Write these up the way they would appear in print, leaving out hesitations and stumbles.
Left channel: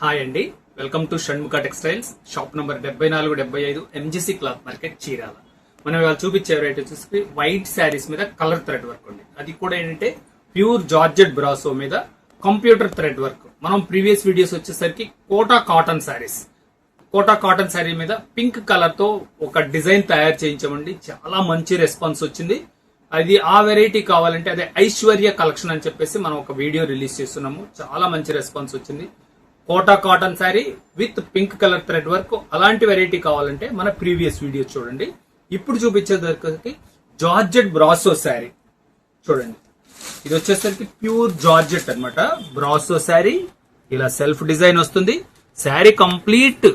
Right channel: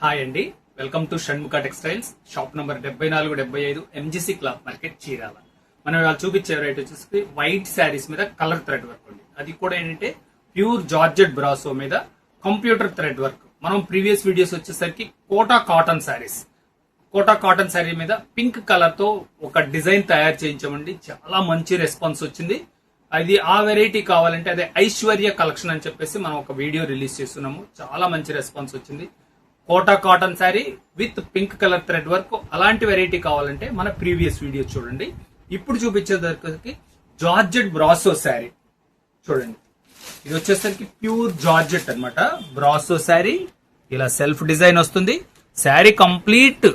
Hi అండి, welcome to Shanmukha textiles. Shop number 7475 MGC cloth market Chirala. మనం ఇవాళ చూపించే వెరైటీ వచ్చేసి వైట్ శారీస్ మీద కలర్ థ్రెడ్ వర్క్ ఉంది. అది కూడా ఏంటంటే ప్యూర్ జార్జెట్ బ్రాసో మీద కంప్యూటర్ థ్రెడ్ వర్క్. మనం ప్రీవియస్ వీడియోస్ వచ్చేసరికి కోటా కాటన్ శారీస్, కోటా కాటన్ శారీ మీద పింక్ కలర్ తో ఒక డిజైన్ తయారు చేయించామండి. చాలా మంచి రెస్పాన్స్ వచ్చింది. అది ఆ వెరైటీ కావాలంటే అదే ఐశ్వర్య కలెక్షన్ అని చెప్పేసి మనం ఒక వీడియో రిలీజ్ చేస్తున్నాము. చాలా మంచి రెస్పాన్స్ వచ్చింది. Kota cotton sari with pink colour thread work. అలాంటి వెరైటీ కావాలంటే మన ప్రీవియస్ వీడియో చూడండి. ఇప్పుడు చూపించేసరికి జార్జెట్ బ్రాసో శారీ చూడండి. ఇది వచ్చేసరికి ప్యూర్ జార్జెట్ అన్నమాట. బ్రాసో శారీ ఇలా సెల్ఫ్ డిజైన్ వస్తుంది. Sari complete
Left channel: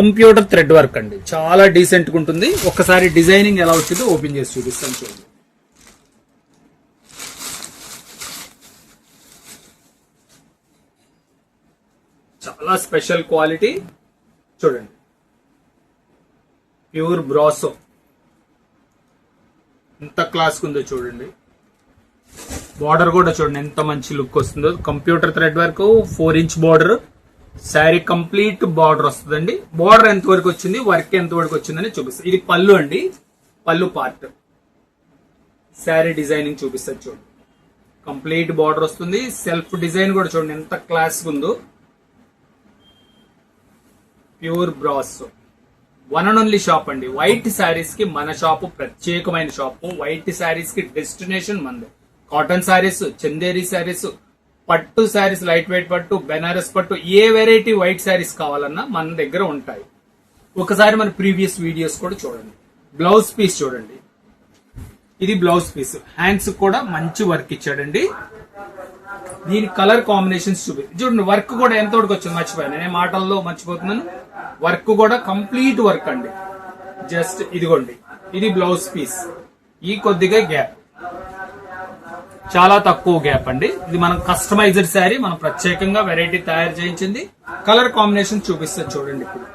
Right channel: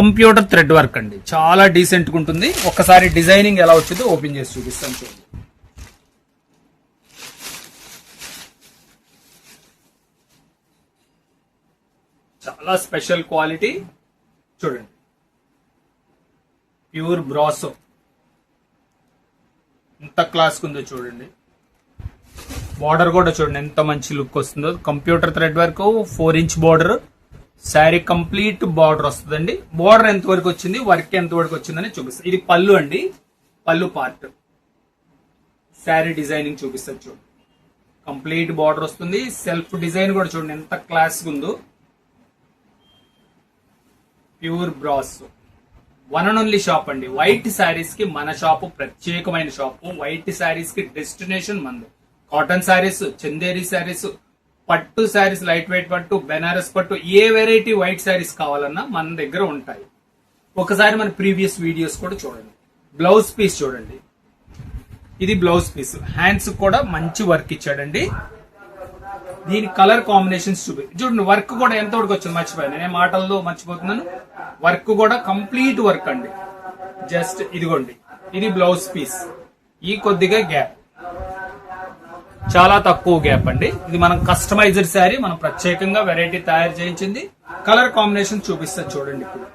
computer thread work అండి. చాలా డీసెంట్ గా ఉంటుంది. ఒకసారి డిజైనింగ్ ఎలా వచ్చిందో ఓపెన్ చేసి చూపిస్తాను చూడండి. చాలా స్పెషల్ క్వాలిటీ చూడండి. ప్యూర్ బ్రాసో ఎంత క్లాస్ ఉందో చూడండి. బార్డర్ కూడా చూడండి ఎంత మంచి లుక్ వస్తుందో. Computer thread work 4 inch border. Sari complete border వస్తుందండి. బార్డర్ ఎంత వరకు వచ్చింది, వర్క్ ఎంత వరకు వచ్చిందని చూపిస్తుంది. ఇది పళ్ళు అండి, పళ్ళు పార్ట్. శారీ డిజైనింగ్ చూపిస్తుంది చూడండి. కంప్లీట్ బార్డర్ వస్తుంది. సెల్ఫ్ డిజైన్ కూడా చూడండి ఎంత క్లాస్ ఉందో. Pure brasso one and only shop అండి. వైట్ శారీస్ కి మన షాపు ప్రత్యేకమైన షాపు. వైట్ శారీస్ కి డెస్టినేషన్ మంది. కాటన్ శారీస్, చందేరి శారీస్, పట్టు శారీస్, లైట్ వెయిట్ పట్టు, బెనారస్ పట్టు, ఏ వెరైటీ వైట్ శారీస్ కావాలన్నా మన దగ్గర ఉంటాయి. ఒకసారి మన ప్రీవియస్ వీడియోస్ కూడా చూడండి. బ్లౌజ్ పీస్ చూడండి. ఇది బ్లౌజ్ పీస్. హ్యాండ్స్ కూడా మంచి వర్క్ ఇచ్చాడండి. దీని కలర్ కాంబినేషన్స్ చూడండి. వర్క్ కూడా ఎంత వరకు వచ్చింది మర్చిపోయాను, నేను మాటల్లో మర్చిపోతున్నాను. వర్క్ కూడా కంప్లీట్ వర్క్ అండి. జస్ట్ ఇదిగోండి, ఇది బ్లౌజ్ పీస్. ఈ కొద్దిగా గ్యాప్, చాలా తక్కువ గ్యాప్ అండి. ఇది మనం కస్టమైజ్డ్ శారీ, మనం ప్రత్యేకంగా వెరైటీ తయారు చేయించింది. కలర్ కాంబినేషన్ చూపిస్తా చూడండి. ఇప్పుడు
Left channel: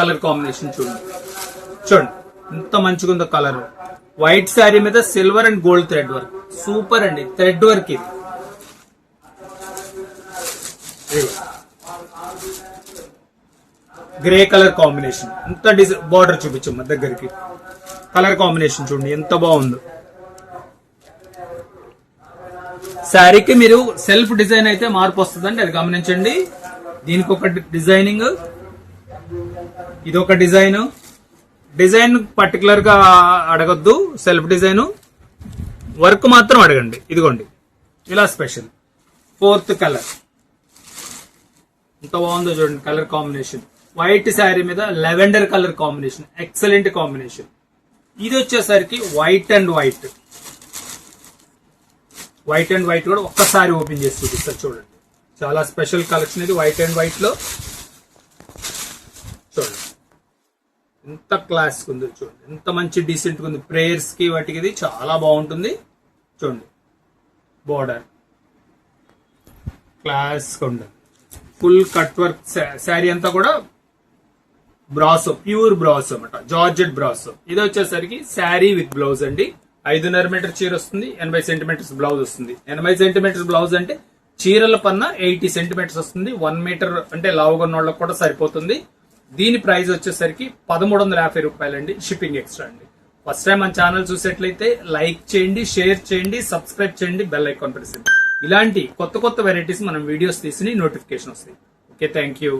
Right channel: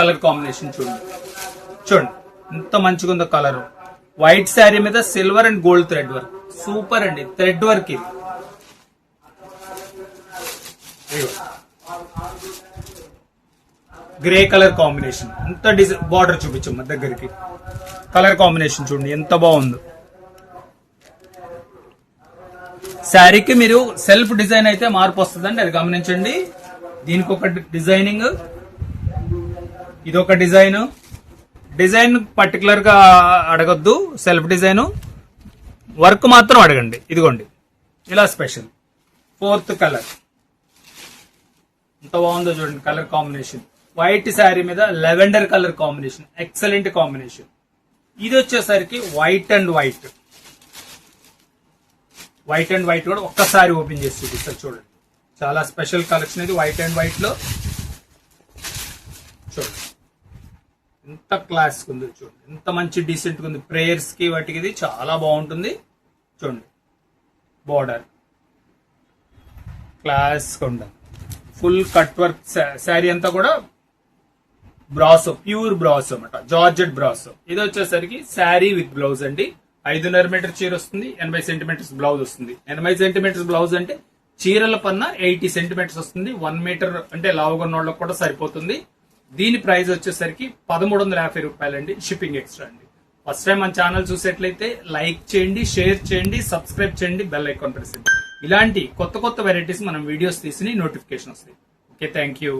కలర్ కాంబినేషన్ చూడండి. చూడండి ఎంత మంచిగా ఉందో కలర్. వైట్ శారీ మీద silver and gold thread work. Super అండి థ్రెడ్ వర్క్. ఇది గ్రే కలర్ కాంబినేషన్. ఎంత డిజైన్ బార్డర్ చూపించమ్మా దగ్గరికి. కలర్ కాంబినేషన్ చూడండి ఎంత బాగుందో. శారీకి మీరు సెల్ఫ్ డిజైన్ అయితే మార్పు వస్తుందండి, అది గమనించండి. దీనికి ఒక డిజైనింగ్, ఇదొక డిజైన్. డిజైన్ పర్టికులర్ గా అడగద్దు, సెల్ఫ్ డిజైన్. వర్క్ మాత్రం అడగండి. ఇదిగోండి ఇలా స్పెషల్. 4th కలర్ ఎంత బాగుందో చూడండి. కలర్ కాంబినేషన్ వైట్ శారీ మీద lavender colour combination, excellent combination. ఇది వచ్చేసరికి white and white. White and white కూడా ఒక్కసారి ఓపెన్ చేసి చూపిస్తారు చూడండి. చాలా స్పెషల్ కలెక్షన్ ఇది. వైట్ అండ్ వైట్ లో చూడండి ఎంత క్లాస్ ఉంది చూడండి. ఎంత మంచి డీసెంట్ ఉంది. ప్రేయర్స్ కి వాటికి ఇది చాలా బాగుంటుంది. చూడండి బోర్డర్ క్లాస్ ఉండాలి. ఫుల్ కట్ వర్క్ శారీ అంతా కూడా బ్రాసో, ప్యూర్ బ్రాసో అన్నమాట. Georgette brasso. ఇది వచ్చేసరికి శారీ విత్ బ్లౌజ్ అండి. 5.5 మీటర్ చీర వస్తుంది. 80 సెంటీమీటర్స్ బ్లౌజ్ వస్తుంది. 80 సెంటీమీటర్స్ బ్లౌజ్ అంటే చీరల పన్న 80 సెంటీమీటర్స్ వస్తుంది. 1 మీటర్ అంటే లావుగా ఉన్న వాళ్ళకి కూడా సరిపోతుంది. దీని ప్రైస్ వచ్చేసరికి 1350 రూపాయలండి. షిప్పింగ్ ఎక్స్ట్రా అండి. ఫస్ట్ టైం మన ఛానల్ చూసేట్లయితే లైక్ చేయండి, షేర్ చేయండి, సబ్స్క్రైబ్ చేయండి, బెల్ ఐకాన్ ప్రెస్ చేయండి. ఇలాంటి కొత్త కొత్త వెరైటీస్ మనం వీడియోస్ తీసి నోటిఫికేషన్ వస్తాయి. Okay, thank you.